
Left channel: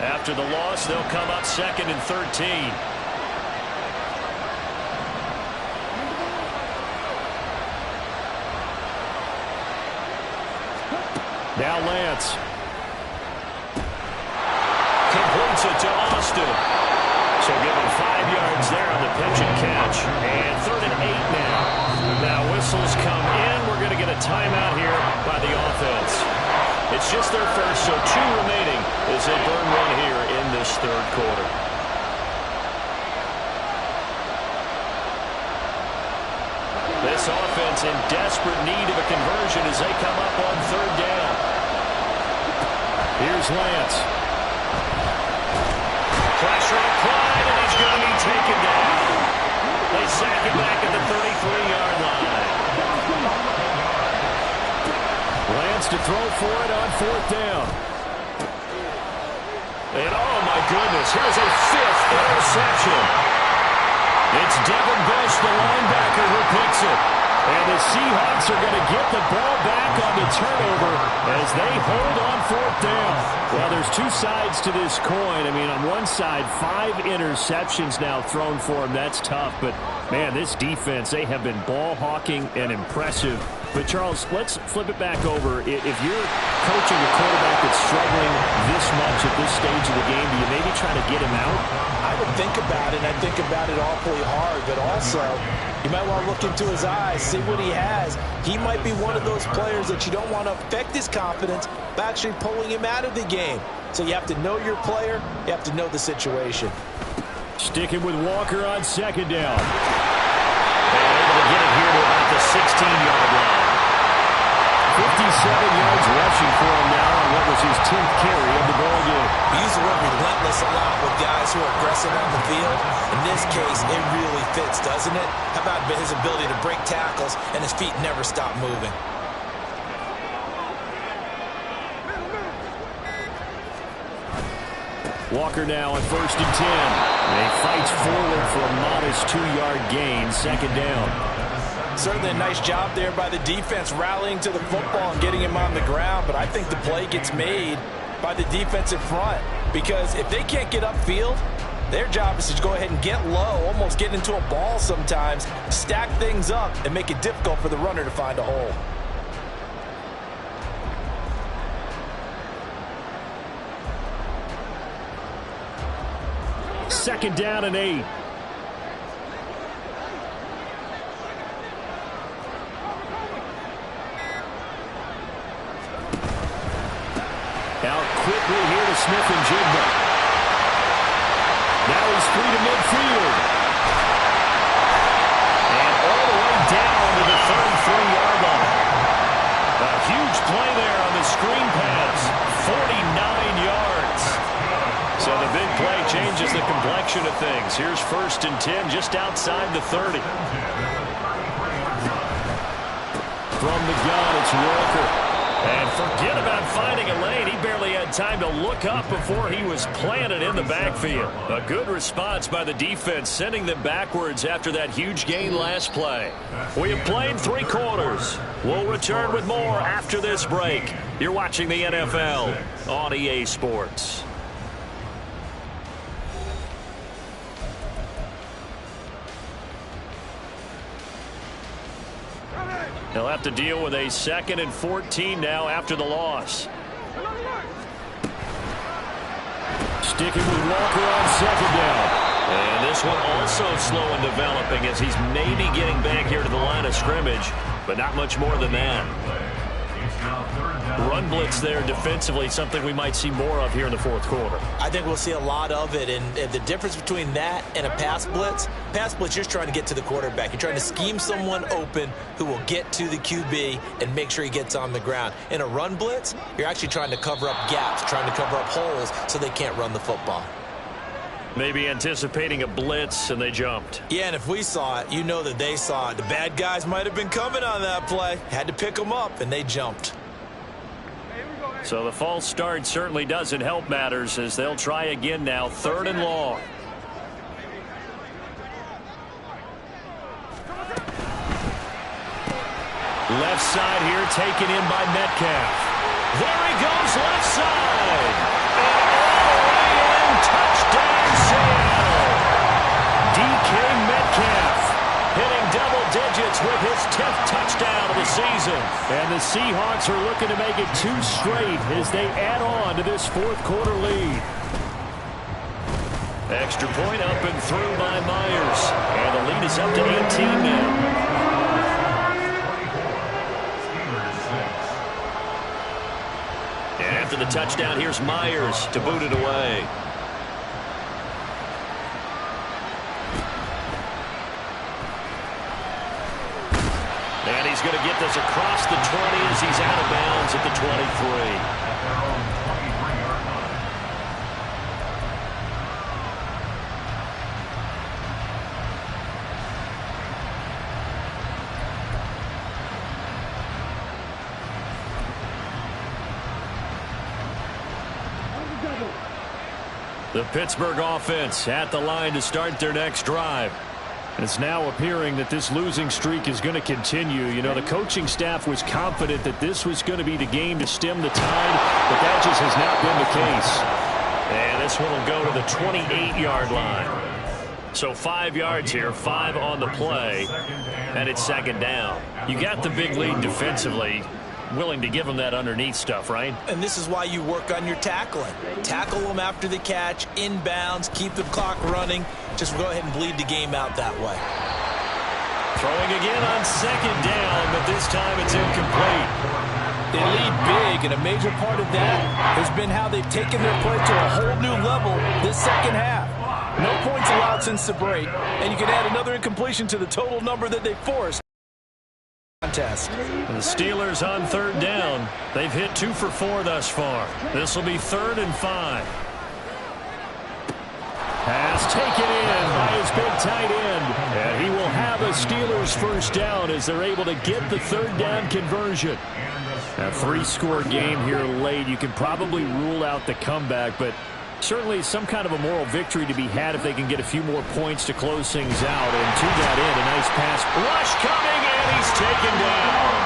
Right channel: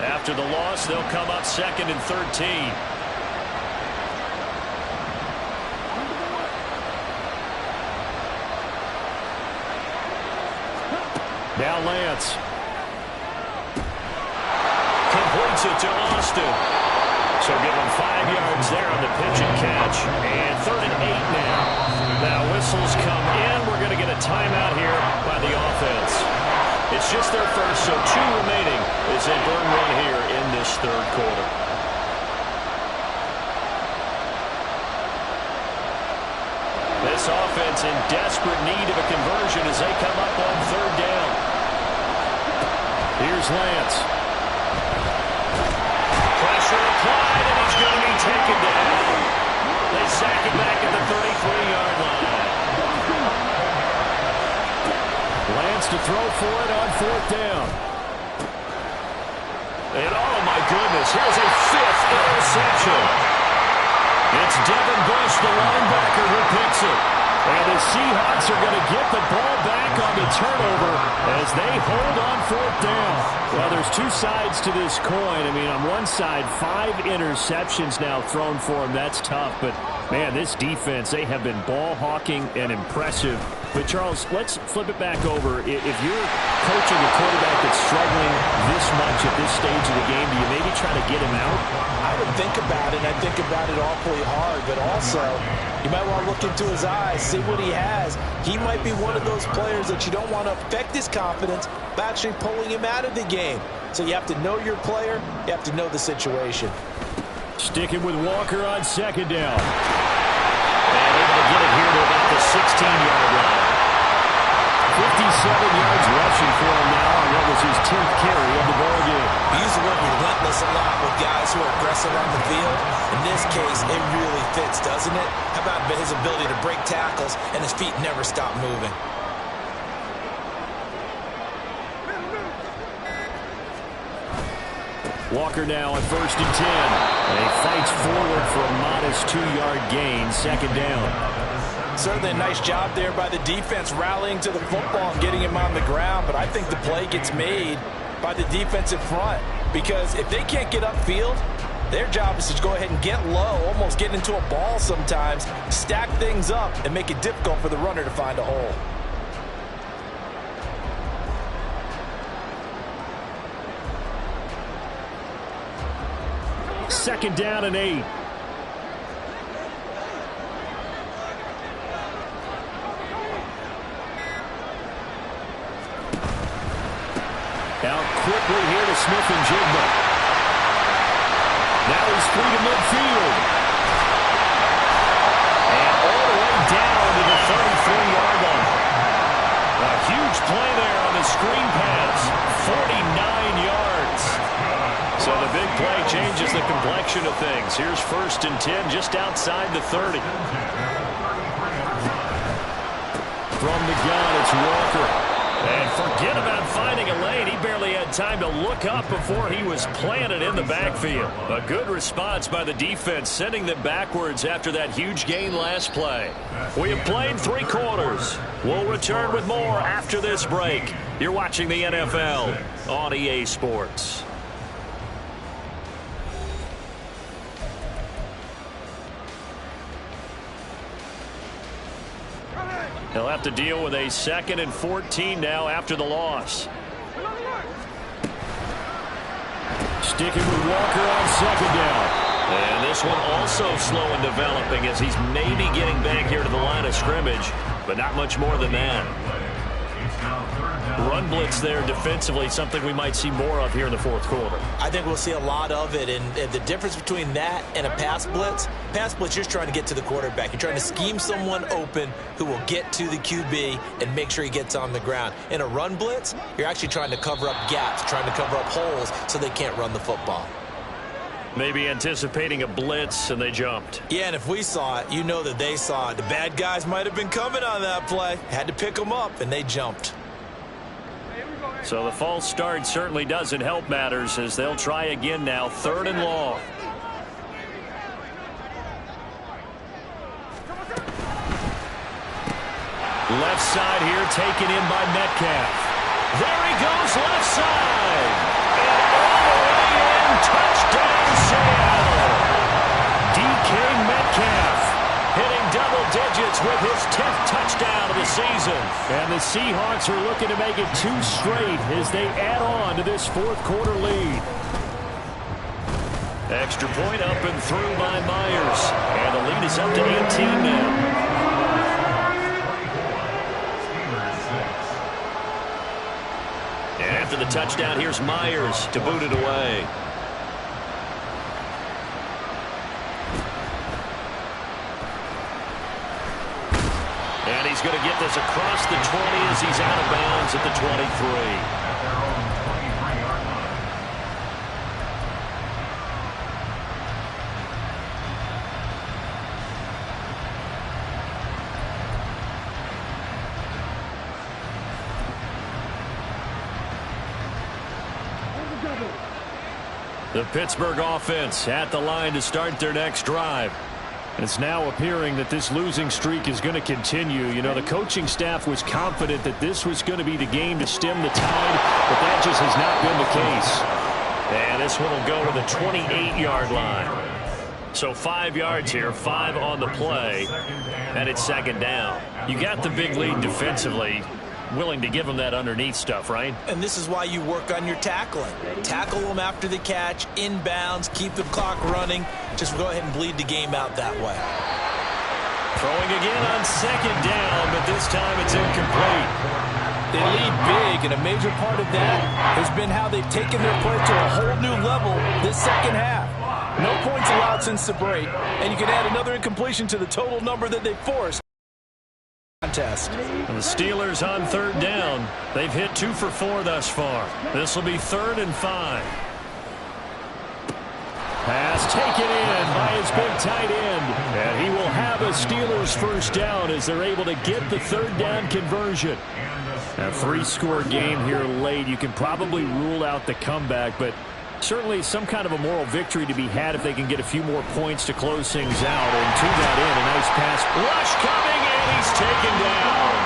After the loss, they'll come up 2nd and 13. Now Lance. Completes it to Austin. So give him 5 yards there on the pitch and catch. And 3rd and 8 now. Now whistles come in. We're going to get a timeout here by the offense. It's just their first, so 2 remaining as they burn one here in this 3rd quarter. This offense in desperate need of a conversion as they come up on 3rd down. Here's Lance. Pressure applied, and he's going to be taken down. They sack him back at the 33-yard line. Lance to throw for it on 4th down. And, oh, my goodness, here's a 5th interception. It's Devin Bush, the linebacker, who picks it. And the Seahawks are going to get the ball back on the turnover as they hold on 4th down. Well, there's 2 sides to this coin. I mean, on one side, 5 interceptions now thrown for him. That's tough. But, man, this defense, they have been ball hawking and impressive. But, Charles, let's flip it back over. If you're coaching a quarterback that's struggling this much at this stage of the game, do you maybe try to get him out? I would think about it, and I think about it awfully hard. But also, you might want to look into his eyes, see what he has. He might be one of those players that you don't want to affect his confidence by actually pulling him out of the game. So you have to know your player. You have to know the situation. Sticking with Walker on 2nd down. And able to get it here to about the 16-yard line. 57 yards rushing for him now on what was his 10th carry of the ball game. We use the word relentless a lot with guys who are aggressive on the field. In this case, it really fits, doesn't it? How about his ability to break tackles and his feet never stop moving? Walker now on 1st and 10. And he fights forward for a modest 2-yard gain, 2nd down. Certainly a nice job there by the defense rallying to the football and getting him on the ground, but I think the play gets made by the defensive front because if they can't get upfield, Their job is to go ahead and get low, almost get into a ball sometimes, stack things up, and make it difficult for the runner to find a hole. Second down and 8. Out quickly here to Smith and Jigba. Now he's free to midfield. And all the way down to the 33-yard line. A huge play there on the screen pass. 49 yards. So the big play changes the complexion of things. Here's 1st and 10 just outside the 30. From the gun, it's Walker. And forget about finding a lane. He barely had time to look up before he was planted in the backfield. A good response by the defense, sending them backwards after that huge gain last play. We have played 3 quarters. We'll return with more after this break. You're watching the NFL on EA Sports. He'll have to deal with a 2nd and 14 now after the loss. Sticking with Walker on 2nd down. And this one also slow in developing as he's maybe getting back here to the line of scrimmage, but not much more than that. Run blitz there defensively, something we might see more of here in the 4th quarter. I think we'll see a lot of it, and the difference between that and a pass blitz, you're just trying to get to the quarterback. You're trying to scheme someone open who will get to the QB and make sure he gets on the ground. In a run blitz, you're actually trying to cover up gaps, trying to cover up holes so they can't run the football. Maybe anticipating a blitz, and they jumped. Yeah, and if we saw it, you know that they saw it. The bad guys might have been coming on that play. Had to pick them up, and they jumped. So the false start certainly doesn't help matters as they'll try again now, 3rd and long. Left side here taken in by Metcalf. There he goes left side. And all the way in, touchdown Seattle. DK Metcalf hitting double digits with his 10th touchdown of the season. And the Seahawks are looking to make it 2 straight as they add on to this 4th quarter lead. Extra point up and through by Myers. And the lead is up to 18 now. And after the touchdown, here's Myers to boot it away. And he's going to get this across the 20 as he's out of bounds at the 23. At their own 23-yard line. The Pittsburgh offense at the line to start their next drive. It's now appearing that this losing streak is going to continue. You know, the coaching staff was confident that this was going to be the game to stem the tide, but that just has not been the case. And this one will go to the 28-yard line. So 5 yards here, 5 on the play, and it's 2nd down. You got the big lead defensively. Willing to give them that underneath stuff, right? And this is why you work on your tackling. Tackle them after the catch, inbounds, keep the clock running. Just go ahead and bleed the game out that way. Throwing again on 2nd down, but this time it's incomplete. They lead big, and a major part of that has been how they've taken their play to a whole new level this 2nd half. No points allowed since the break, and you can add another incompletion to the total number that they forced. Contest. The Steelers on 3rd down. They've hit 2 for 4 thus far. This will be 3rd and 5. Pass taken in by his big tight end. And he will have a Steelers 1st down as they're able to get the 3rd down conversion. A 3-score game here late. You can probably rule out the comeback, but certainly some kind of a moral victory to be had if they can get a few more points to close things out. And to that end, a nice pass rush coming, and he's taken down.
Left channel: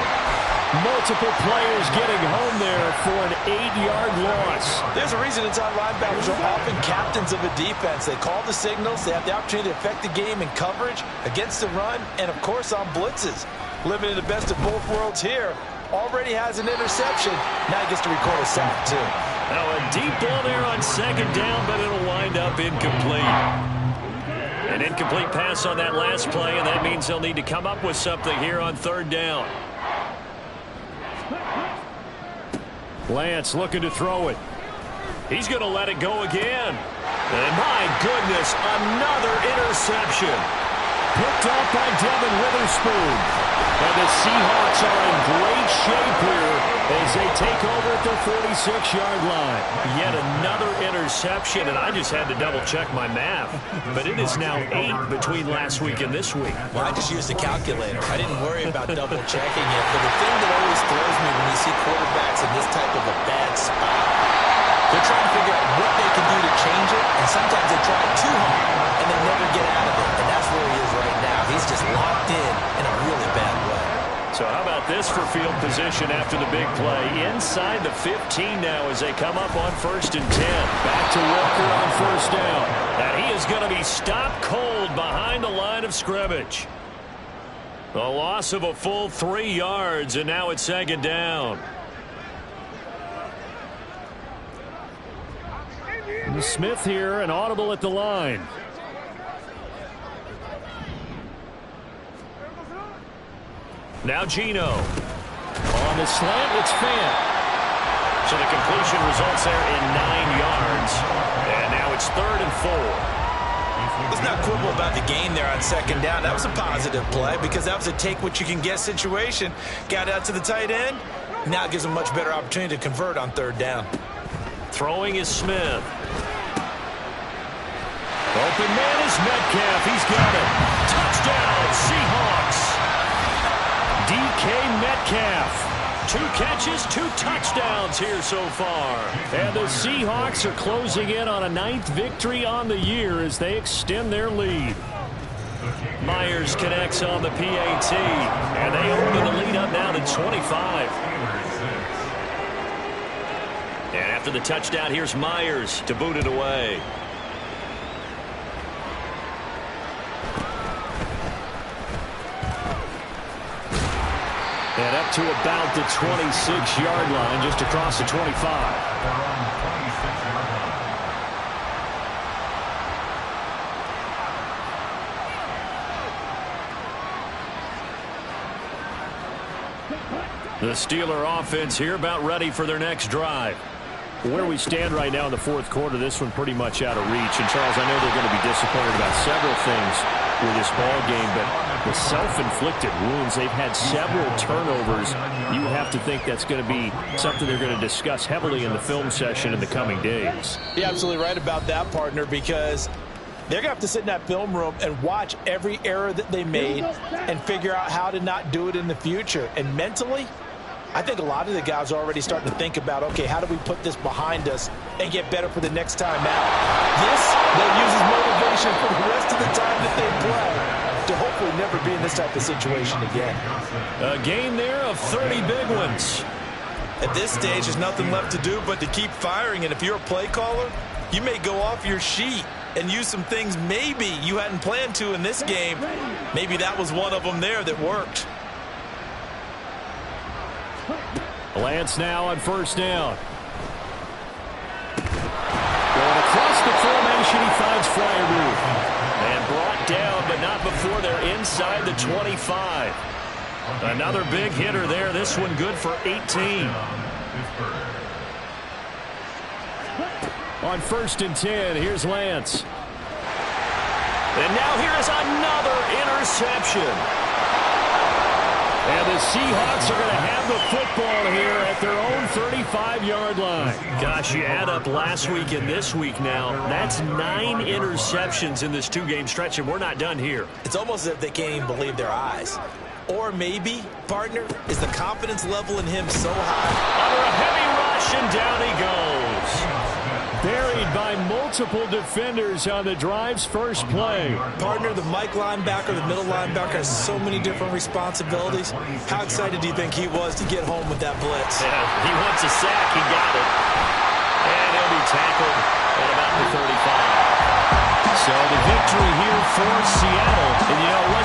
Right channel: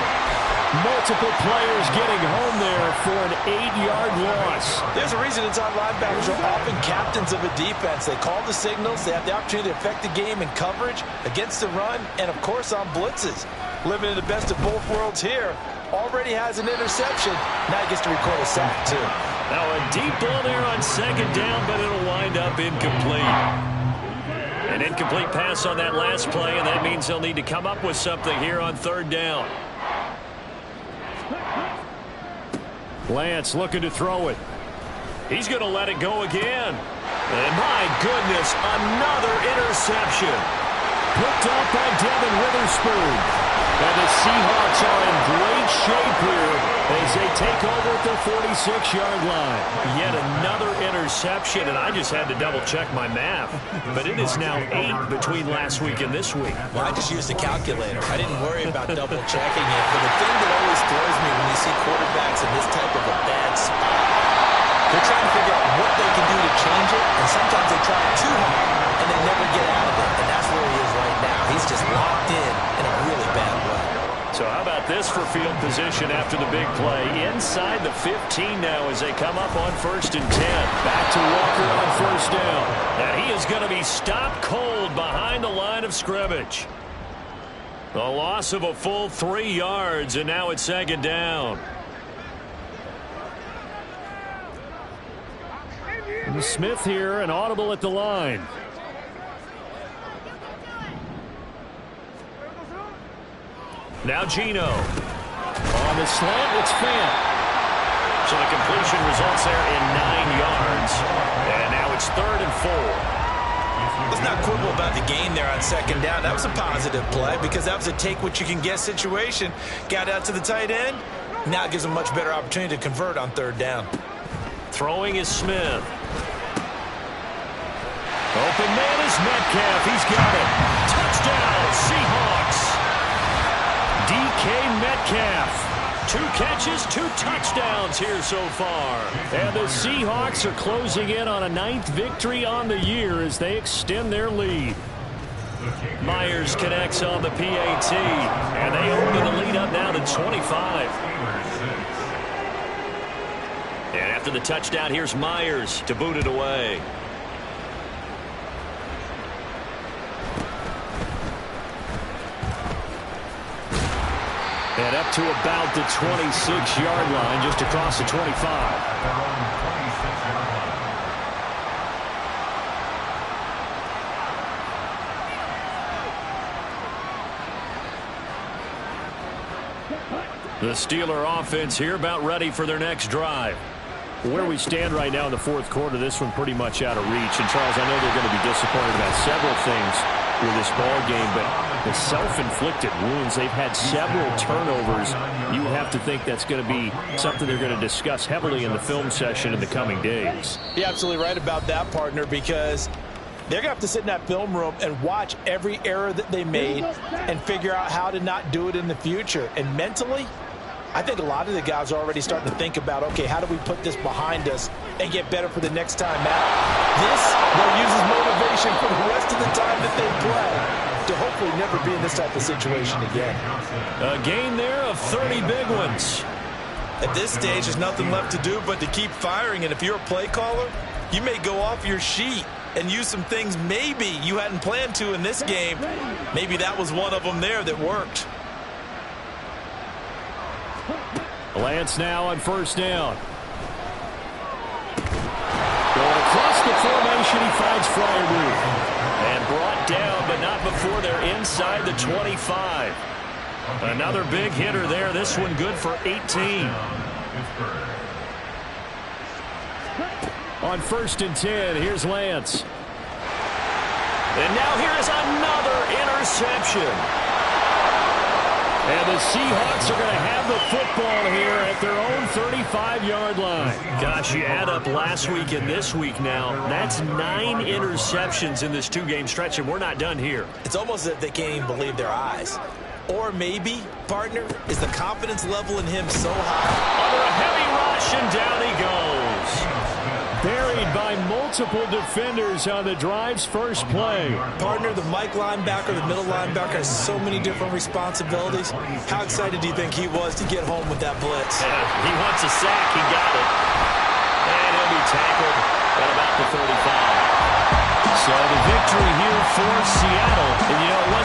Multiple players getting home there for an 8-yard loss. There's a reason inside linebackers are often captains of a defense. They call the signals. They have the opportunity to affect the game in coverage, against the run, and, of course, on blitzes. Living in the best of both worlds here. Already has an interception. Now he gets to record a sack, too. Now a deep ball there on second down, but it'll wind up incomplete. An incomplete pass on that last play, and that means they'll need to come up with something here on third down. Lance looking to throw it. He's going to let it go again. And my goodness, another interception. Picked up by Devin Witherspoon. And the Seahawks are in great shape here as they take over at the 46-yard line. Yet another interception, and I just had to double-check my math. But it is now 8 between last week and this week. Well, I just used a calculator. I didn't worry about double-checking it. But the thing that always throws me when you see quarterbacks in this type of a bad spot, they're trying to figure out what they can do to change it, and sometimes they try too hard, and they never get out of it. And that's where he is right now. He's just locked in a really bad way. So how about this for field position after the big play? Inside the 15 now as they come up on 1st and 10. Back to Walker on first down. And he is going to be stopped cold behind the line of scrimmage. A loss of a full 3 yards, and now it's second down. Smith here, an audible at the line. Now Gino. On the slant, it's Fant. So the completion results there in 9 yards. And now it's 3rd and 4. Let's not quibble about the gain there on second down. That was a positive play because that was a take-what-you-can-get situation. Got out to the tight end. Now it gives them a much better opportunity to convert on 3rd down. Throwing is Smith. Open man is Metcalf. He's got it. Touchdown, Seahawks. DK Metcalf. 2 catches, 2 touchdowns here so far. And the Seahawks are closing in on a 9th victory on the year as they extend their lead. Myers connects on the PAT. And they open the lead up now to 25. And after the touchdown, here's Myers to boot it away. And up to about the 26-yard line, just across the 25. The Steeler offense here about ready for their next drive. Where we stand right now in the 4th quarter, this one pretty much out of reach. And, Charles, I know they're going to be disappointed about several things with this ball game, but the self-inflicted wounds, they've had several turnovers. You have to think that's going to be something they're going to discuss heavily in the film session in the coming days. You're absolutely right about that, partner, because they're going to have to sit in that film room and watch every error that they made and figure out how to not do it in the future. And mentally, I think a lot of the guys are already starting to think about, okay, how do we put this behind us and get better for the next time out? This, they'll use as motivation for the rest of the time that they play to hopefully never be in this type of situation again. A gain there of 30 big ones. At this stage, there's nothing left to do but to keep firing. And if you're a play caller, you may go off your sheet and use some things maybe you hadn't planned to in this game. Maybe that was one of them there that worked. Lance now on first down. Going across the formation, he finds Freiermuth. And brought down, but not before they're inside the 25. Another big hitter there. This one good for 18. On 1st and 10, here's Lance. And now here is another interception. And the Seahawks are going to have the football here at their own 35-yard line. Gosh, you add up last week and this week now, that's 9 interceptions in this 2-game stretch, and we're not done here. It's almost as if they can't even believe their eyes. Or maybe, partner, is the confidence level in him so high? Under a heavy rush, and down he goes. Buried by multiple defenders on the drive's first play. Partner, the Mike linebacker, the middle linebacker has so many different responsibilities. How excited do you think he was to get home with that blitz? Yeah, he wants a sack. He got it. And he'll be tackled at about the 35. So the victory here for Seattle. And, you know, it wasn't